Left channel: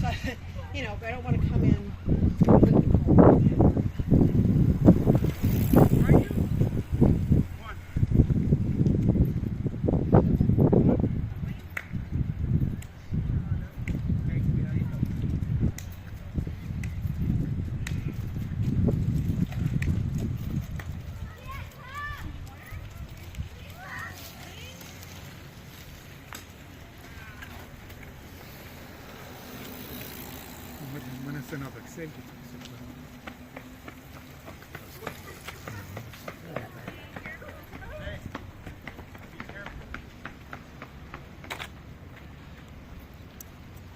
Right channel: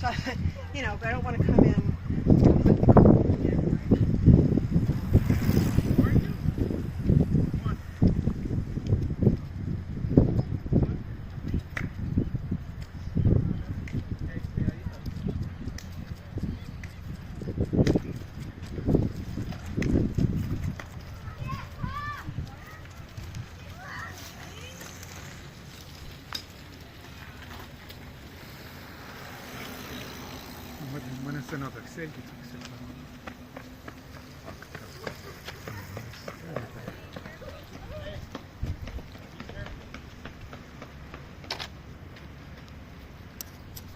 So, but I don't want to come in. Mõne sõna peaks selgituseks, et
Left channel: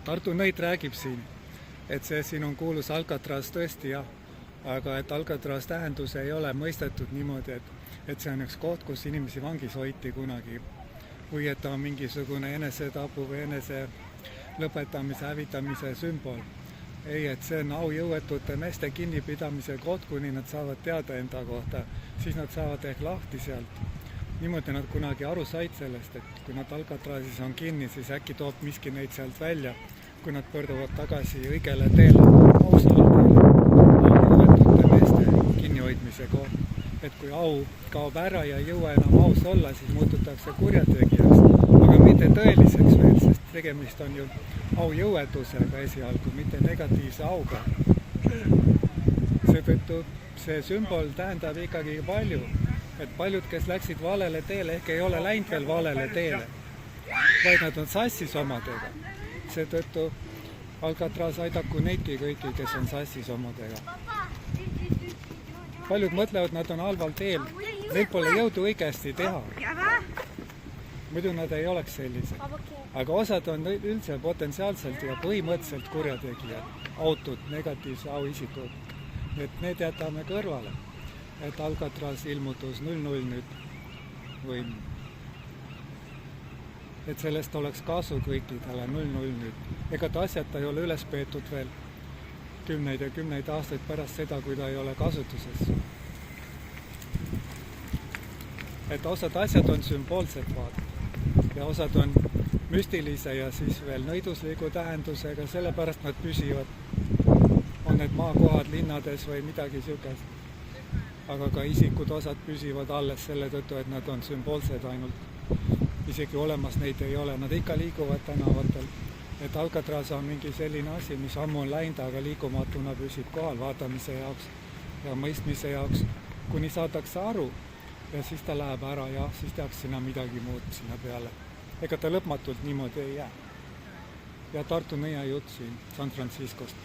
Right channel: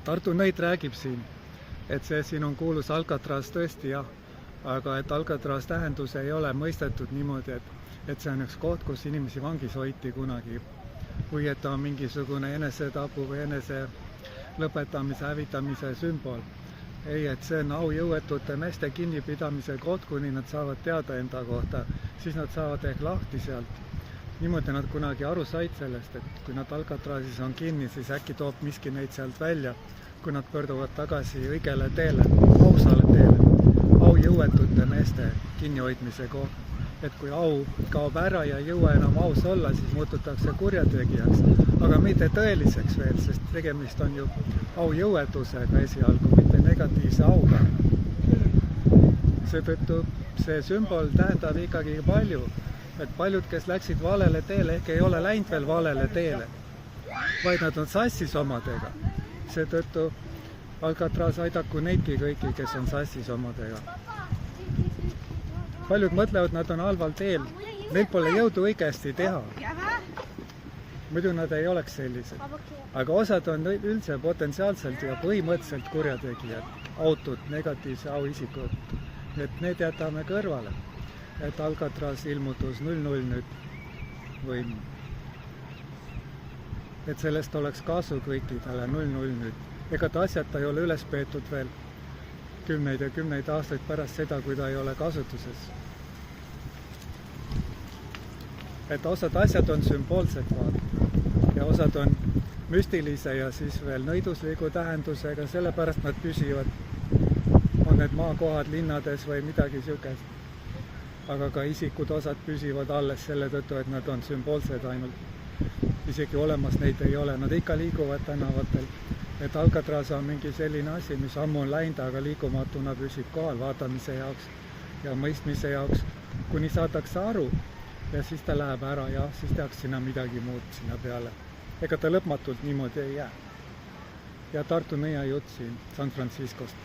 Tartu Nõid räägib siin, et see siin on kuulus Alcatraz tõesti jah, aga et Alcatraz tähendus ei ole mõistetud niimoodi, et see on üks koht, kus inimesi vangis hoiti kunagi või et ta on mingisugune enesetapu või enese lõpetamise, hävitamise sümbol. Ei, et see on aujõuetute meeste kinnipidamise koht, kuni nad saavad teada enda kohta, siis nad saavad ehk lahti sealt. Niimoodi nad kunagi aru said sellest, et kui nad Alcatrazis on kinni, siis äkki toob miski neid sealt välja, kui nad pöörduvad tagasi õigele teele, ausale teele, aujõuetute meeste kinnihoidmise koht. Et kui au kaob ära ja ei jõua enam aus olla, siis muututakse kurjategijaks, aga mitte tõeliseks veel, sest tegemist on ju aujõuetusega esialgu, mitte negatiivse auga. Seetõttu see sümbol tähendab ikkagi palju, et paljud, kes läksid valele teele, ehk ei ole läinud veel valele teele, vaid nad on sassis omadega. Seetõttu Alcatraz aidaku neidki kõiki, kes on sassis omadega. Paljud mõtlevad, nad on halval teel, neil pole jõudu õigesti teha. Muidu nad ei oleks sellised. Aga osad on üldse potentsiaalselt ja põhimõtteliselt kurjategijad, autud, negatiivse auisikud. Et need jätame kõrvale, et Alcatraz ilmutus 00 nüüd või et sellest oleks kasu kõikidele 00 nüüd. Ega ta asjata ei ole üles peetud veel kümneid ja kümneid aastaid pärast seda, kui ta ei ole kasutuses. Et osad asjad on sümboolsed ja osad on müstilise ja siis veel nõidusliku tähendusega, sellepärast nad püsivad, on need maakohad linnades või midagi niisugust. Aga ka isikud osad püsivad alles selle tõttu, et nad on sümboolsed ainult. Isegi olemas neid ei ole, nad ikka liiguvad tänavatel. Et Alcatraz on mingi selline asi, mis ammu on läinud, aga liikumatuna püsib kohal vaatamise jaoks ja mõistmise jaoks, kuni saadakse aru ja siis ta läheb ära ja siis tehakse sinna midagi muud sinna peale. Ega ta lõpmatult niimoodi ei jää. Ja Tartu Nõia jutt siin San Franciscost.